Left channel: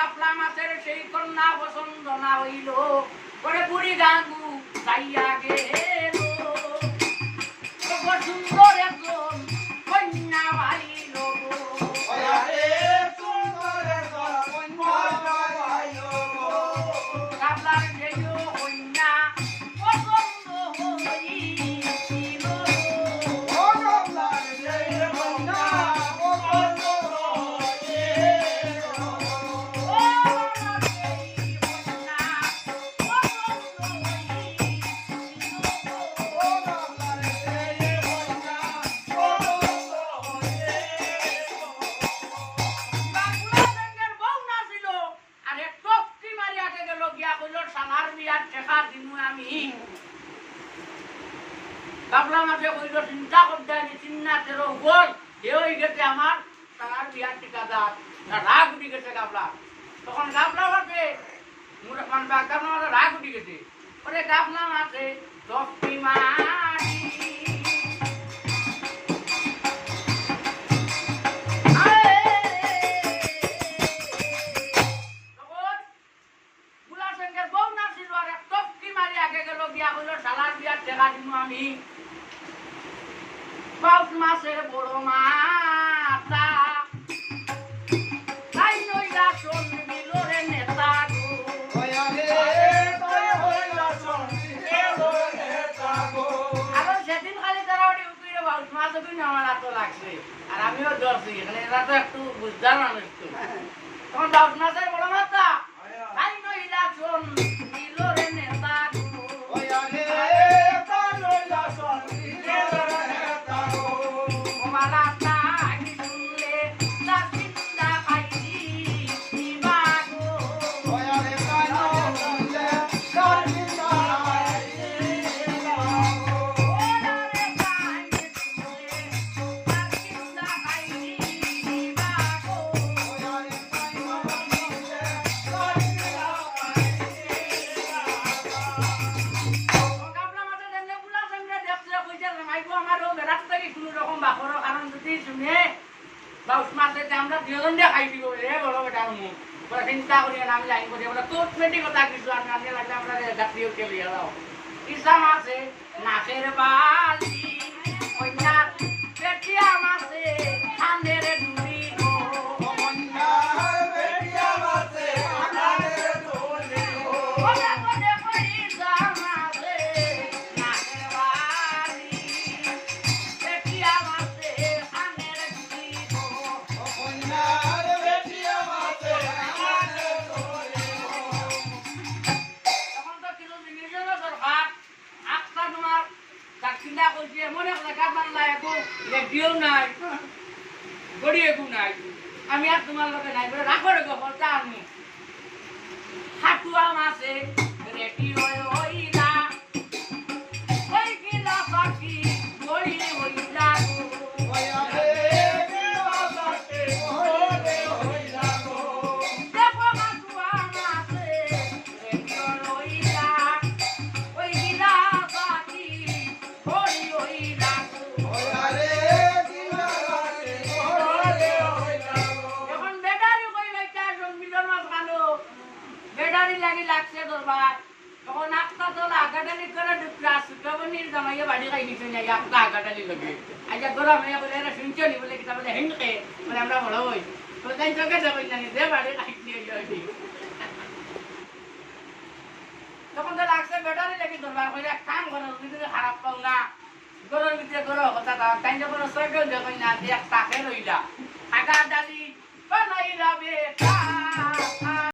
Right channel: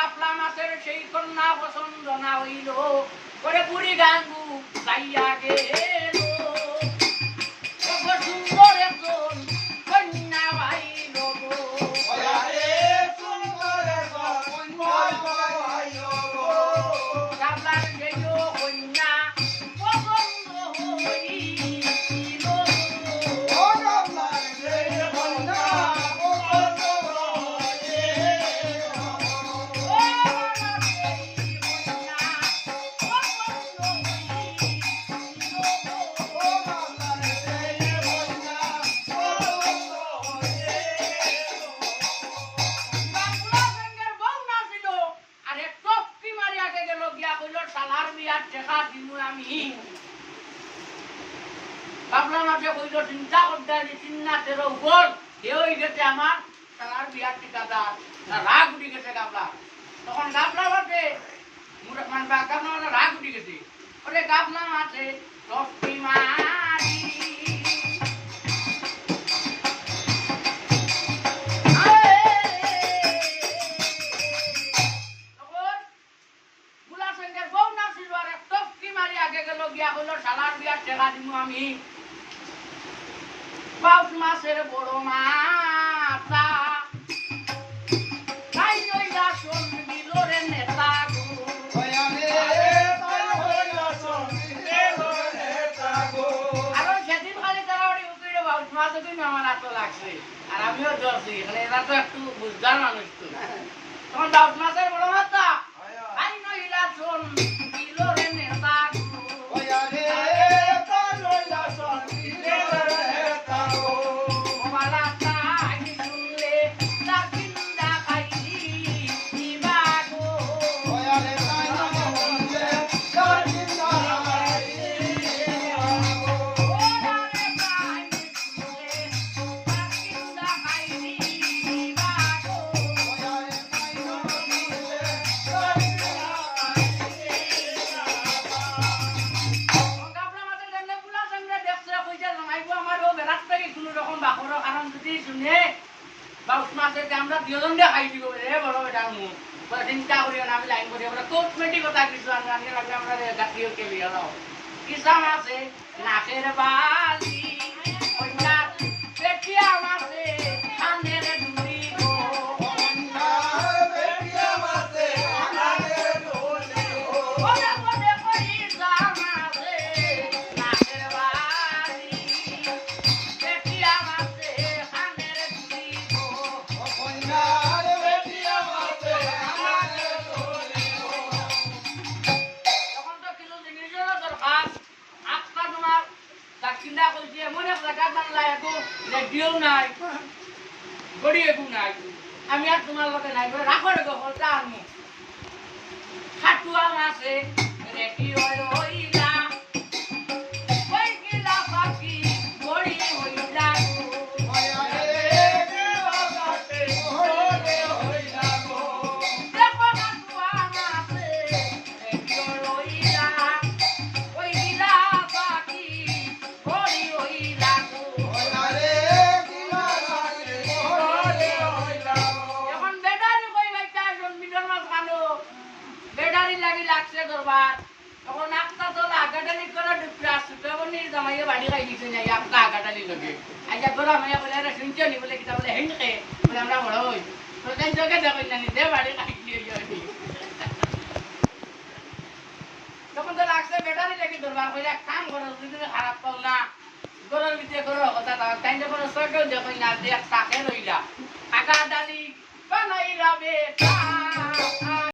কাফলা মাছের সেই কন্যা পছন্দ না হইল করে বুড়ি গাঙ্গু যাইয়া গেল সুন্দর একজন কন্যা ভাই কাফলার সেই কন্যা পছন্দ হইল চিন্তা করতে চিন্তার উপর হয়ে গেছে আমার তার বিয়ার ঠিকাদার রাগ উঠে গেছে গাবলা তখন গাবলা ভাবে গাবলা রাগ উঠে গেছে ওরে গাবলা আছে দশটি মারি বুলাশঙ্কর বউ না ছিল আর এক দশটি মারি আগে গেল গিয়া হইল সালার বিয়ার ঠেকা দিব আমি বাউস মাছের বড় মাতা তাই নইলা শোন দিল রে নেতা আর সেদিন খালি তারা উকিরে বাউস মাছ আমার এত লাগছে আর আমিও ডরছি এখানে এরা তো একটু বুঝদার মানুষ তখন বাউস মাছের বড় মাতা তাই নইলা শোন দিল রে নেতা আমরা দুজন দিয়ে খাই দিব রে বড় বেটা মুখ চিন্তা করি না আমি লাইন করি আমরা কসমেটিক কথা কিছু আমি আগে লাগলে আমরা গাড়িও কে লিয়ে দাও কিসাম আছে নাকের বালি কন্যা পেটিয়া মাছে কানের দুরি গো কন্যা পেটিয়া মাছে কানের দুরি গো ওরে ওরে কিসাম আছে নাকের বালি পেটিয়া মাছে কানের দুরি গো কন্যা পেটিয়া মাছে কানের দুরি গো তখন তো কিলো জিনিসের দরকার আপকা তোমার চিন্তা করছি এমন এক জায়গা বাংলা একো রেডিও নাই গড়ি একো নাই আমি আর তোমার লগে নাই বলে রাখো রে গল্পটা আনমু খাটুয়া মাছে রেডিও হইলা ওই গিলা পাখি গড়ি হইলা লাগছে দরবার তখন একটা দল আগাটালি করে সুতবনির জামাইয়ে বাড়ি খাই দিচ্ছে না একটা আগাটালি লগে আইয়া গোরা মাইয়া বলে এরা শুনছো নি বলে কিতা বলে হেনকে বলে আমরা বড় হই তো তাই জগে যাবেন না দে বাড়ি খাই দিয়ে যাবি তখন তো লাগছে বেটারি লাগি দরবার কইরা এক কাম করো যদি খারাপ পাও না গরুর ভিতরে গরু কথা তাই যখন সরকার যাবেন না দেখ তাকে রইলা আগাটালি বানাইলা বেটা